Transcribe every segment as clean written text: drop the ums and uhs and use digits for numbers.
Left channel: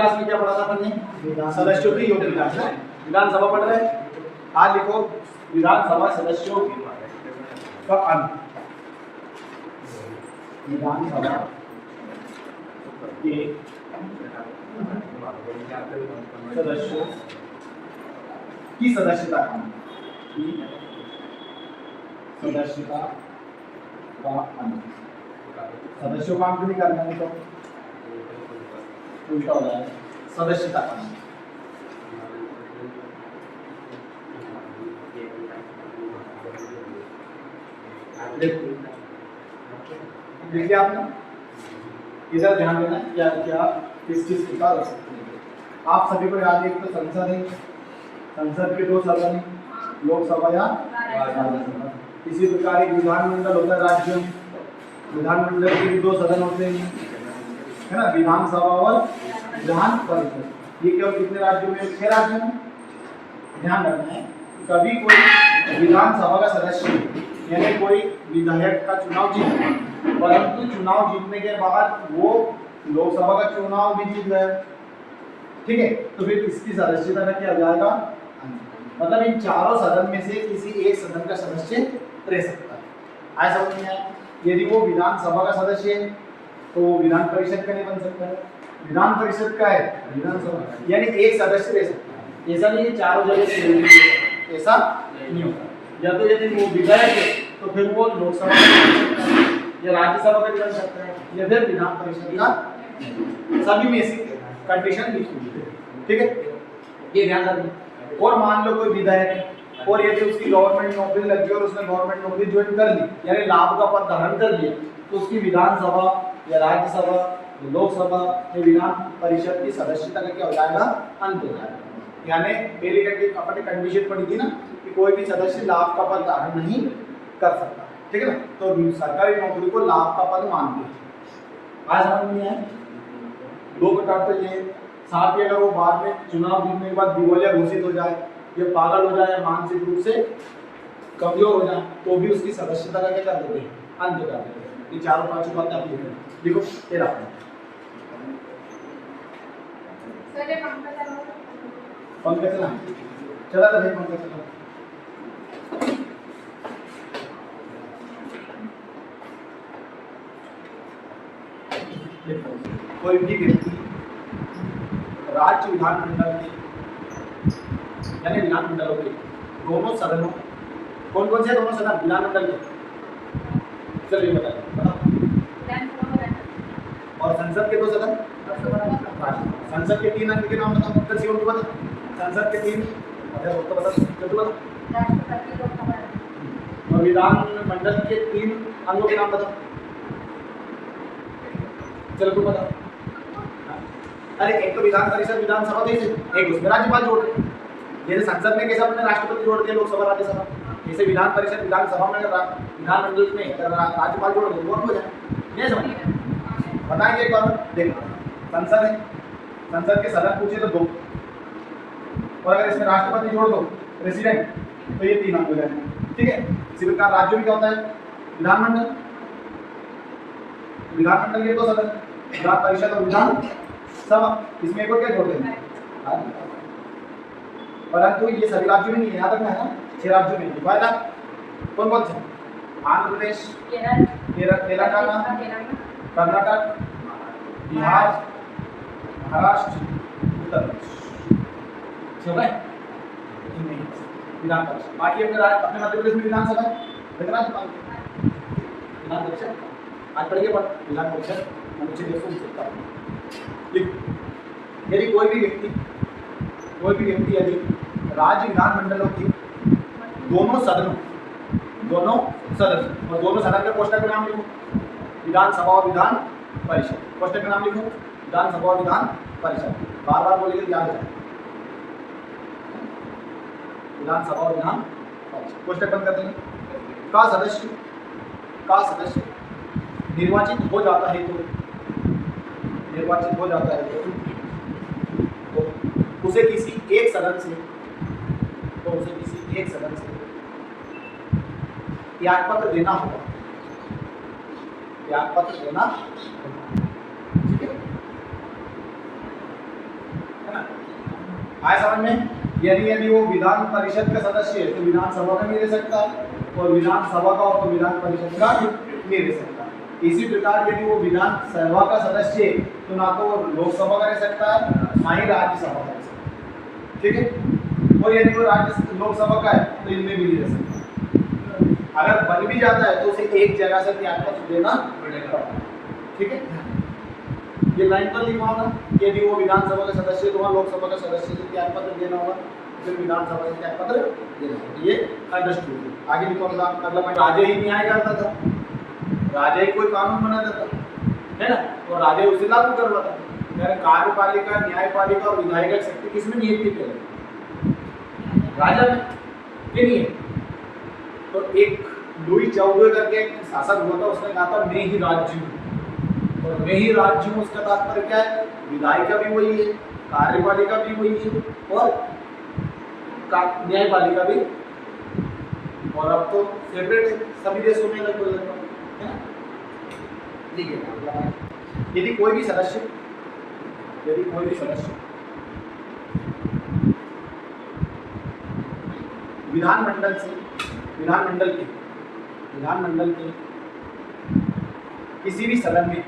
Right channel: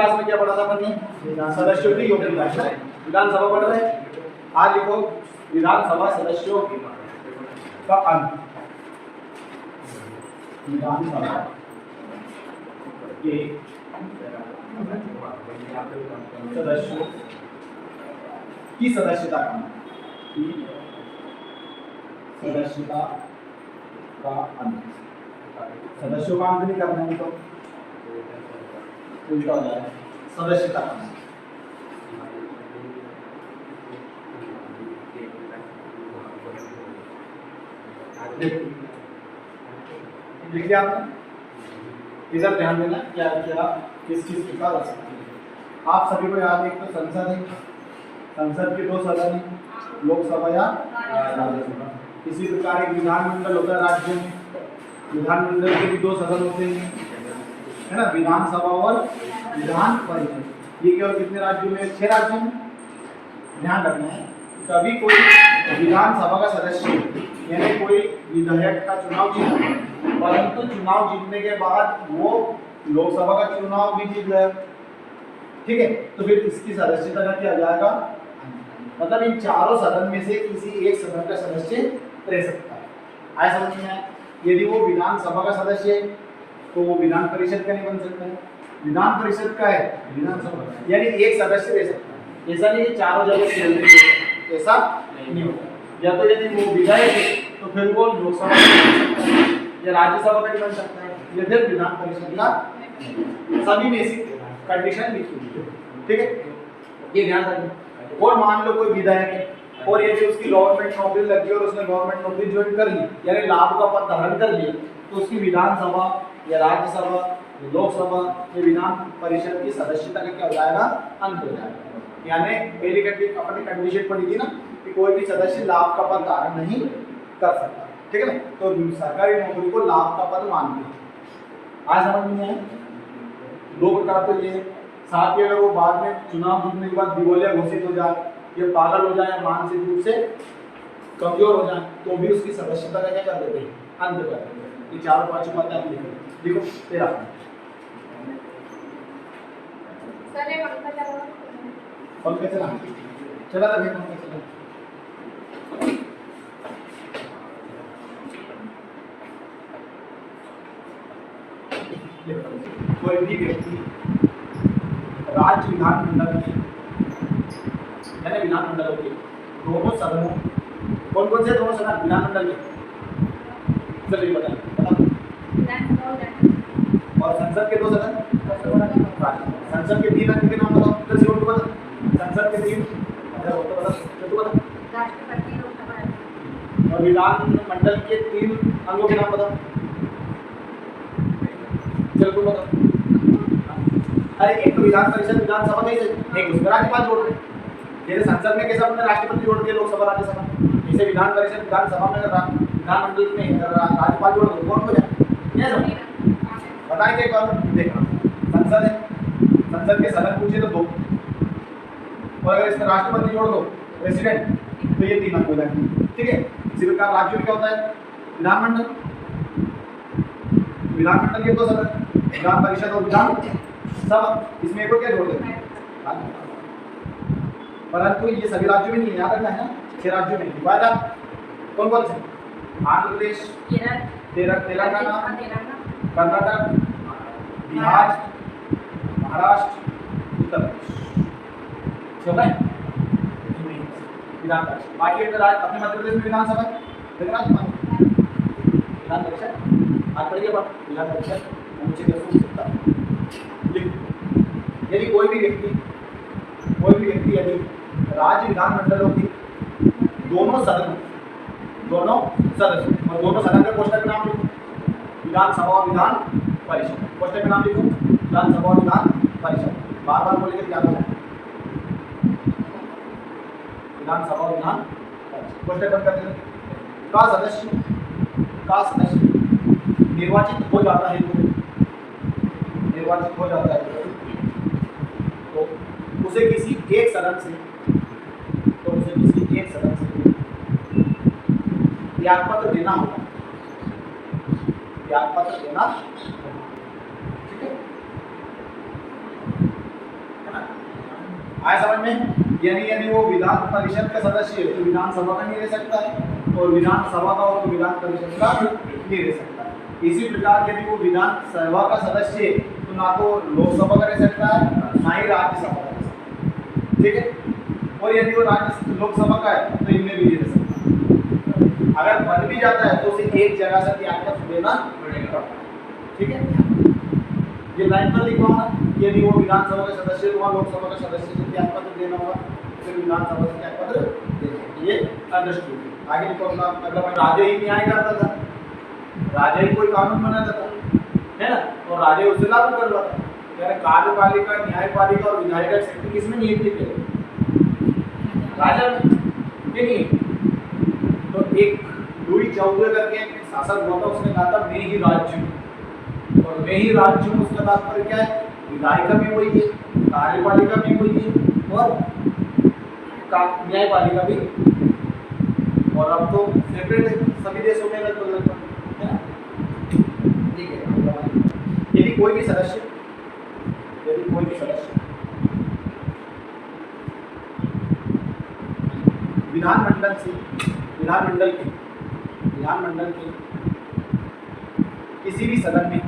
Class में क्या पढ़ा था अपन ने? सदस्यों की योग्यता है। विधानसभा पढ़ रहे हैं, आज लिखो विधानसभा सदस्यों का अंत। विधानसभा के सदस्यों की सदस्यता का अंत, की सदस्यता का अंत। सदस्यों का अंत नहीं करना है तो उल्टा हो जाएगा, सदस्यता का अंत। देखिए आपने इधर ध्यान देना क्या क्या किस चीज प्रकार हो सकती है। आप सभी को याद है, एक तो संसद है, संसद के 2 सदन है, लोकसभा या राज्यसभा। इसी प्रकार एक विधानमंडल होता है राज्यों में, विधानमंडल के भी 2 सदन होते हैं, है ना, विधानसभा और विधान परिषद। ये केवल कितने राज्यों में? 6 राज्यों में। ध्यान रखना है कभी कोई विधानसभा का सदस्य यानी कोई विधायक का चुनाव जीत, परंतु चुनाव जीतने के बाद वो लोकसभा का चुनाव भी जीत गया, ठीक है, तो फिर इसकी सदस्यता का क्या हो जाएगा? मतलब इन चारों सदन में से किसी एक सदन का सदस्य रह सकता है। आया समझ में आया? यदि वो विधानसभा का सदस्य है तो वो विधान परिषद का नहीं बन सकता है, विधान परिषद का है विधानसभा, यानी एक सदस्य रह सकता है। ऐसा नहीं कि चारों जगह से, ऐसा नहीं होता। या तो यदि वो विधायक है तो फिर वो लोकसभा का बन सकता है या राज्यसभा का भी बन सकता है या फिर विधान परिषद का, सभी में से कंडीशन लिखी हुई है, ठीक है, ये ध्यान रखना। और मान लो कोई विधायक है और यदि उसकी गवर्नमेंट नौकरी लगी और उसने गवर्नमेंट नौकरी ज्वाइन कर ली यानी लाभ का पद धारण कर लिया, तो उसकी विधानसभा या राज्यसभा या लोकसभा या विधान परिषद की सदस्यता का क्या हो जाएगा? अंत हो जाएगा। यानी पहली अपनी कंडीशन पड़ी थी ना कि कोई भी सदस्य लाभ का पद धारण नहीं कर सकता, ठीक है ना, तो सरकारी नौकरी को लाभ का पद मानते हैं। आज समझ में आया? 2 प्रकार तो ये, साथ ही अगर वो बाद में चुनाव जीतने के बाद दिवालिया घोषित हो जाए या पागल हो जाए या मानसिक रूप से कमजोर हो जाए तो भी उसकी सदस्यता का क्या कर देते हैं? अंत कर देते हैं। ये चारों 5 बातें आप लिख देखो। तेरा पंखा चला चला था भाई, पंखा चला। कोई भी व्यक्ति राज्य विधानमंडल में यानी विधानमंडलों के दोनों सदनों, कौन कौन से दोनों सदन विधानमंडल के? चलिए बताइए। और संसद के 2 सदन, संसद के 3 अंग के नाम बताओ। चल शिव बता, संसद के 3, अच्छा वो तो बता, चल तू बता। राष्ट्रपति, लोकसभा और विधानमंडल के 3 अंगों के नाम बताओ। चल तू बता। अरे एक तो विधान परिषद विधानसभा कैसे, एक उसमें राज्यपाल जोड़ रहे, जैसे संसद में कैसे अपने राष्ट्रपति जोड़ दिए लोकसभा राज्यसभा, जैसे विधान परिषद विधानसभा में विधानमंडल में राज्यपाल जोड़ दो, कौन हो जाए? ये समझ बताएंगे एक बार। देखो संसद है, संसद के सदन पूछे तो 2, और अगर इसमें राष्ट्रपति जोड़ दो प्रेसिडेंट तो ये 3 हो जाएंगे, ठीक है। इसी प्रकार राज्यों में क्या होता है? विधानमंडल, विधानमंडल के 2 सदन, विधान परिषद और विधान सभा, इसमें एक और क्या जोड़ देंगे? परंतु ये सभी राज्यों में नहीं है, याद रखना है ना, 6 राज्यों में दिखाया। कौन कौन से? आंध्र प्रदेश, तेलंगाना, कर्नाटक, बिहार, महाराष्ट्र, उत्तर प्रदेश, ठीक है। विधान परिषद, बाकी अपने मध्य प्रदेश में विधानसभा है, विधान परिषद आज पढ़िए पर विधान परिषद अनुच्छेद 270। यदि कोई भी व्यक्ति यदि राज्य विधानमंडलों की दोनों सदन और दोनों सदन के कोष्टक का नाम लिखो, विधानसभा और विधान परिषद, कोष्टक का नाम लिखो विधानसभा और विधान परिषद, बार बार बोलिए याद हो जाए, विधानसभा और विधान परिषद, कोष्टक बंद कर देंगे। का सदस्य निर्वाचित हो जाता है तो उसे किसी एक सदन से त्यागपत्र देना होगा, ठीक है। आया समझ में? यानी यदि वो विधान परिषद का सदस्य है तो विधानसभा का नहीं रह सकता है, और विधानसभा का हो तो विधान परिषद का नहीं रह सकता है। इसी प्रकार यदि वो विधानसभा का सदस्य है तो ना तो लोकसभा का रह सकता है, ना ही राज्यसभा का रह सकता है, ठीक है। और यदि वो राज्य लोकसभा का है तो इनमें भी नहीं रह सकता। अगर बन भी जाता है तो उसे एक जगह से त्याग पत्र देना पड़ेगा, ठीक है। ये लाइन तो लिखवाना, यदि वो विधानसभा का सदस्य है तो वहाँ लोकसभा का सदस्य से त्याग पत्र देना होगा, फिर विधानसभा से त्याग पत्र देना होगा। ये अंडरस्टूड। आगे लिखूंगा, मतलब राजा ही न्याय करता था, राजा ही कोई कानून बनाता था, है ना, और राजा ही उसे लागू करवाता था। यानी कार्यपालिका, न्यायपालिका और विधायिका शक्ति किसमें निहित थी पहले? राजा में, ये नहीं है। तो एक लुई 14 करके एक शासक हुआ था, उसने कहा था मैं ही राज्य हूँ, और मैं ही राज्य हूँ उसका तात्पर्य क्या है? विधायिका भी वही है, कार्यपालिका भी वही है, और न्यायपालिका भी। और अब तो सेपरेट है सभी देशों में लगभग, है ना? ठीक है। यदि कोई भी सदस्य विधानमंडल के किसी भी सदन में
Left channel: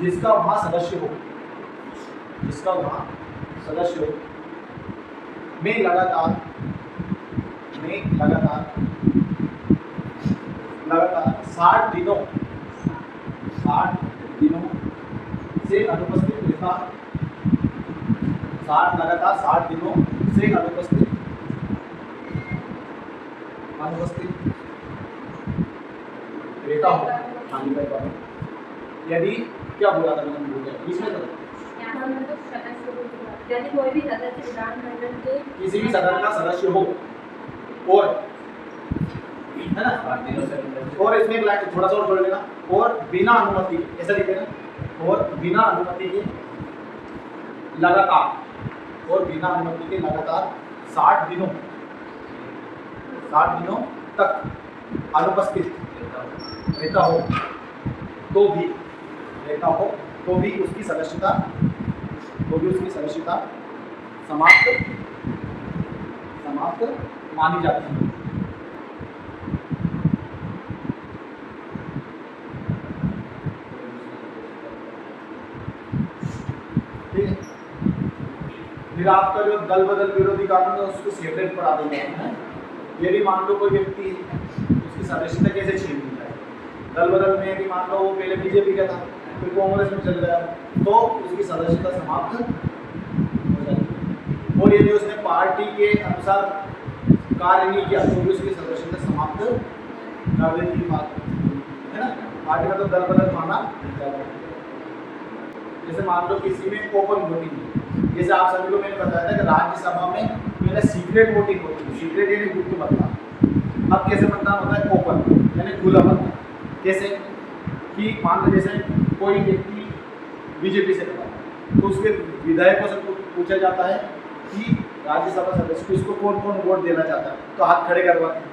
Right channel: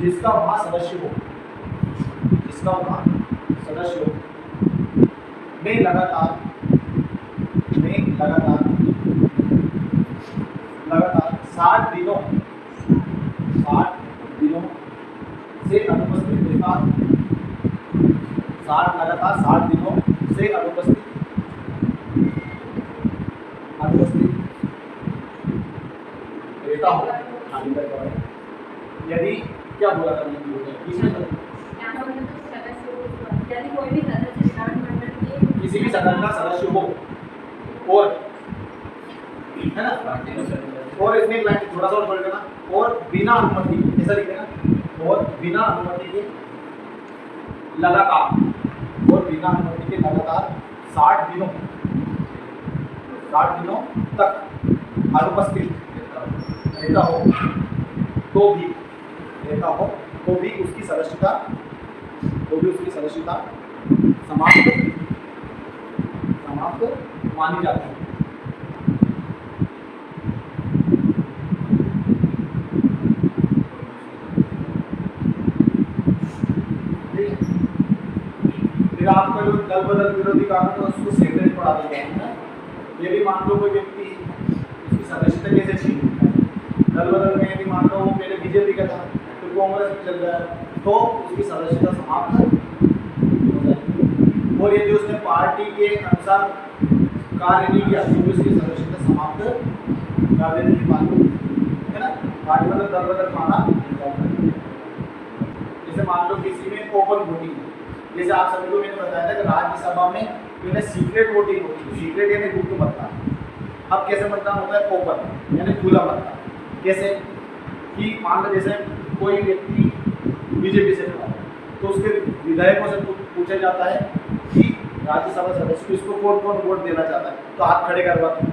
जिसका वहाँ सदस्य हो, में लगातार 60 दिनों से अनुपस्थित रहता, लगातार 60 दिनों से अनुपस्थित रहता हो। यदि क्या बोला था मैंने, इसमें यदि कोई भी सदस्य विधानमंडल के किसी भी सदन का सदस्य हो, और है ना, और इसमें एक लाइन थोड़ा सा और जोड़ देना, और बिना अनुमति, ऐसा लिख देना, और बिना अनुमति के लगातार 60 दिनों तक अनुपस्थित रहता हो तो भी उसकी सदस्यता समाप्त मानी जाती है। फिर आपका जो दल बदल विरोधी कानून है उसको सेपरेट पढ़ा देंगे। यदि मान लो कोई व्यक्ति उसकी सदस्यता कैसे छीन लेता है, दल बदल में यदि मान लो वो पहले बीजेपी का था फिर कांग्रेस में चल गया तो उसकी सदस्यता समाप्त हो जाती है। और यदि उसने पार्टी के अनुसार कार्य नहीं किया तो भी उसकी सदस्यता समाप्त कर देती है, है ना। पार्टी मतलब दल बदल माना जाता है। जैसे मान लो किसी में ओपन वोटिंग, जैसे आप सभी को मैंने बताया था कि राज्यसभा में पहले सीक्रेट वोटिंग होती है, सीक्रेट यानी गुप्त मतदान। अब कैसे मतदान होता है? ओपन यानी खुला मतदान। कैसे कि मान लो जैसे कोई व्यक्ति बीजेपी से खड़ा है तो उसके विधायकों से पूछा जाता है कि राज्यसभा सदस्य को इसको कौन कौन वोट देना चाहता है, तो हाथ खड़े करवाते हैं।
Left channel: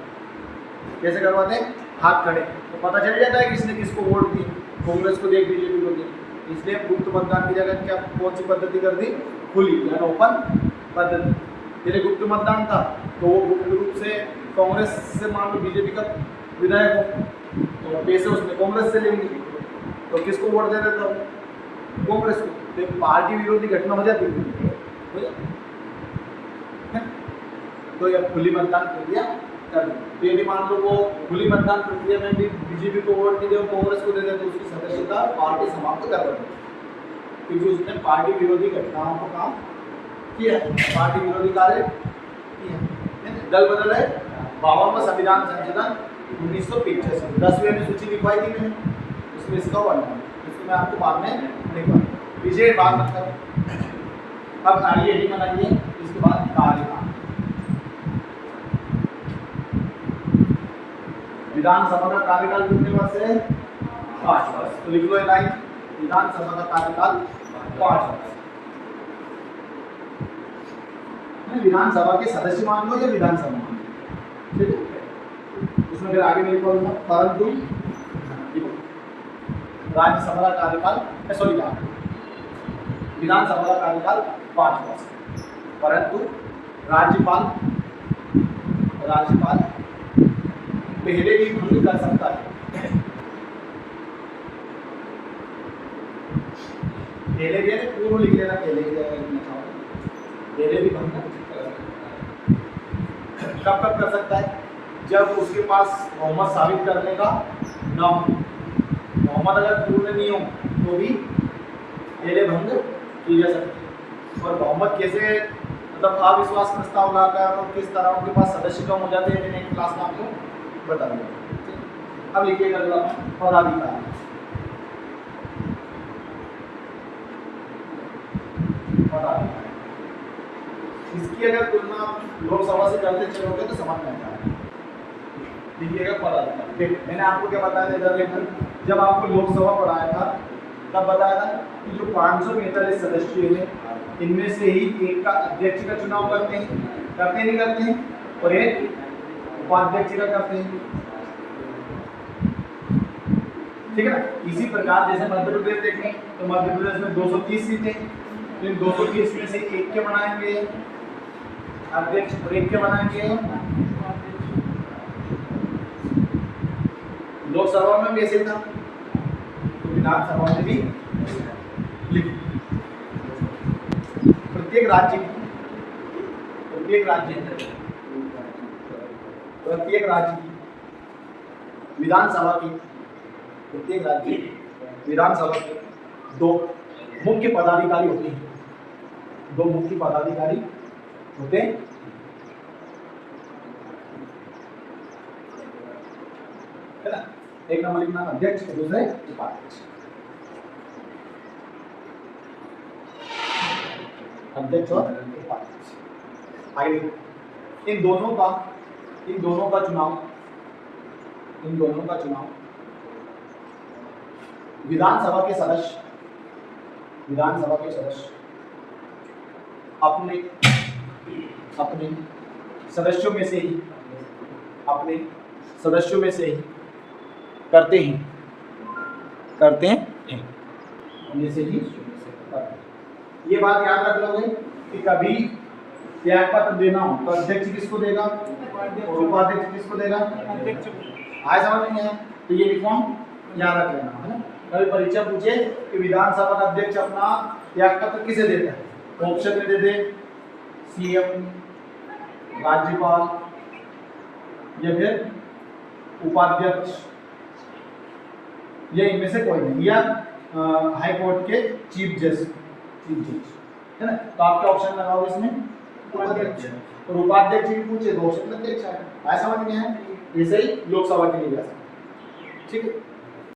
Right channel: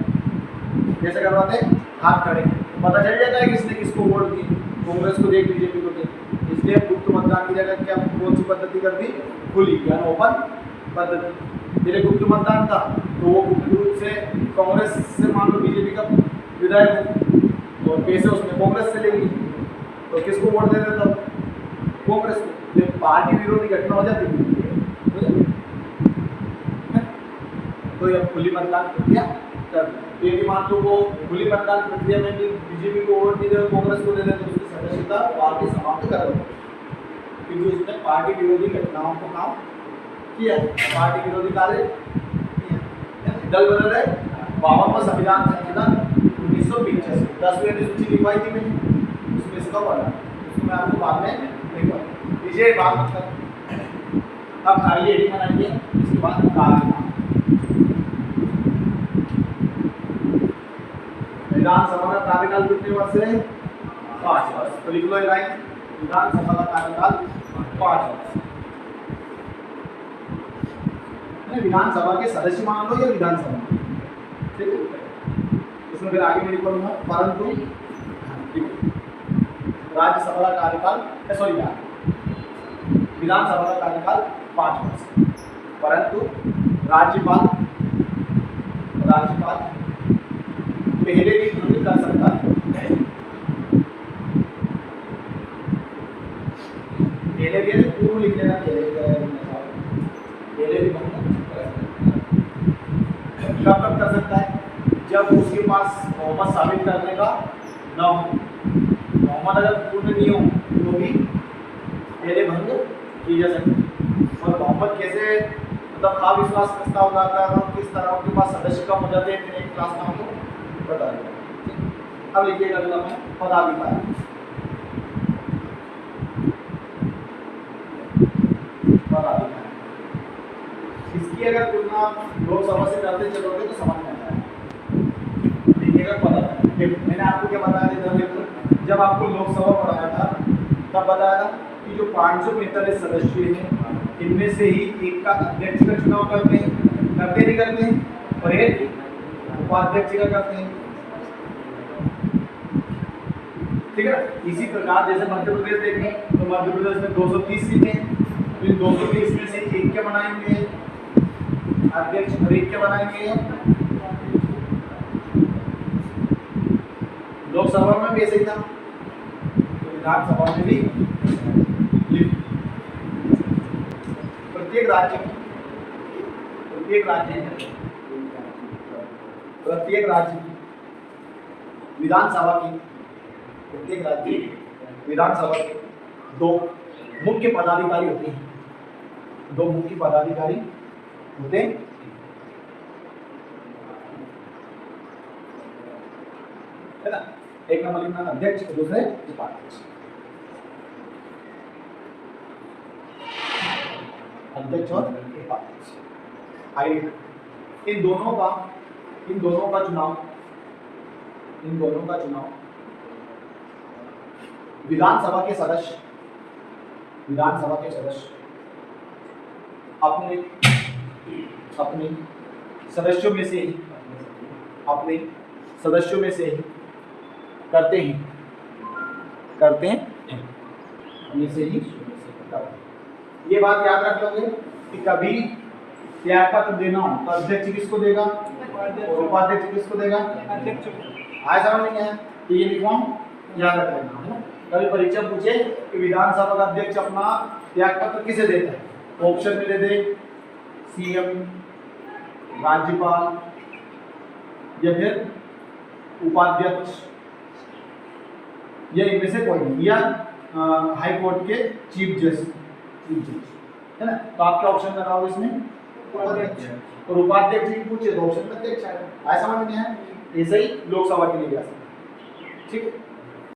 कैसे करवाते हैं? हाथ खड़े, तो पता चल जाता है कि इसने किसको वोट दी, कांग्रेस को दे, बीजेपी को दे। इसलिए गुप्त मतदान की जगह क्या कौन सी पद्धति कर दी? खुली यानी ओपन पद्धति। पहले गुप्त मतदान था तो वो गुप्त रूप से कांग्रेस से मान लो बीजेपी का विधायक हो और पैसे उसने कांग्रेस से ले ली तो किसको वोट दे देता? कांग्रेस को। पार्टी विरोधी घटना हो जाती है तो यह खुली मतदान प्रक्रिया कर दी। यदि मान लो वो खुली मतदान प्रक्रिया में भी बीजेपी को वोट नहीं दे और कांग्रेस को दे दे तो उसकी सदस्यता पार्टी समाप्त कर देती है, क्योंकि उसने पार्टी विरोधी घटनाओं को काम किया, पार्टी विरोधी कार्य किया। दल बदल है 52वां संविधान संशोधन 1985, 10वीं अनुसूची लिखवाई थी मैंने, उसमें इसका वर्णन, इसको मैं आपको बाद में नहीं बताऊंगा, विजय बात मत करो। अब आइए हेडिंग बनाइए, इसके बाद कार्यकाल। विधानसभा का कार्यकाल कितने वर्ष है? 5 वर्ष। तो लिख लो ये लाइन, विधानसभा का कार्यकाल 5 वर्ष। विधानसभा के सदस्य मान लो या विधानसभा, ठीक है। इसमें फिर आगे मैं लिखूंगा परंतु राज्यसभा का कार्यकाल विधानसभा का कार्यकाल 5 वर्ष, परंतु राज्यपाल पहले भी भंग कर सकता है। पहले भी पूर्व लिख लेना, पहले भी भंग कब कब कर सकता है? जब उसके पास बहुमत साबित करने का न हो। बहुमत अगर पूर्ण नहीं हो तो भी पहले भंग की जा सकती है। और बहुमत कैसे, मतलब अविश्वास प्रस्ताव लाकर और किस तरह उनके पास सदस्य कम हो जाते हैं, मैंने एक क्लास में आपको बता दिया। अब लिखिएगा अगला पदाधिकारी। इसकी अगर तुलना लोकसभा से करते चलोगे तो समझ में आता है। देखिएगा पदाधिकारी, मैंने आपको क्या बताया था, जब आपको लोकसभा पढ़ाया था तब बताया था कि जो 545 सदस्य हैं इनमें से ही एक का अध्यक्ष का चुनाव करते नहीं करते हैं, और एक उपाध्यक्ष का करते हैं, ठीक है ना। इसी प्रकार जैसे मध्य प्रदेश देखें तो मध्य प्रदेश में 230 सीटें, तो इन 230 में से एक के बनाएंगे अध्यक्ष और एक के बनाएंगे। लोकसभा में भी ऐसे था, तो विधानसभा में भी प्रत्येक राज्य की विधानसभा की प्रत्येक राज्य विधानसभा के 2 मुख्य पदाधिकारी होते हैं। 2 मुख्य पदाधिकारी होते हैं, है ना। एक नंबर लिखना अध्यक्ष और दूसरे उपाध्यक्ष। अध्यक्ष और उपाध्यक्ष। आगे इन दोनों का चुनाव विधानसभा के सदस्य अपने सदस्यों में से ही करते हैं। ये बात याद रख लोगे कि कभी त्याग पत्र देना हो तो अध्यक्ष किसको देगा और उपाध्यक्ष किसको देगा? अध्यक्ष। आए समझ नहीं आया तो ये लिखवा याद रख लेना, है ना। कभी परीक्षा पूछे कि विधानसभा का अध्यक्ष अपना त्याग पत्र किसे देता है, ऑप्शन में दे दे सीएम, राज्यपाल या फिर उपाध्यक्ष, या इनमें से कोई नहीं, या हाई कोर्ट के चीफ जज, है ना। तो आपके ऑप्शन में रहा इसमें उपाध्यक्ष, और उपाध्यक्ष भी पूछे तो ऑप्शन में अध्यक्ष आएगा। आया समझ में है? ऐसे ही लोकसभा के लिए जा सकते, ठीक है।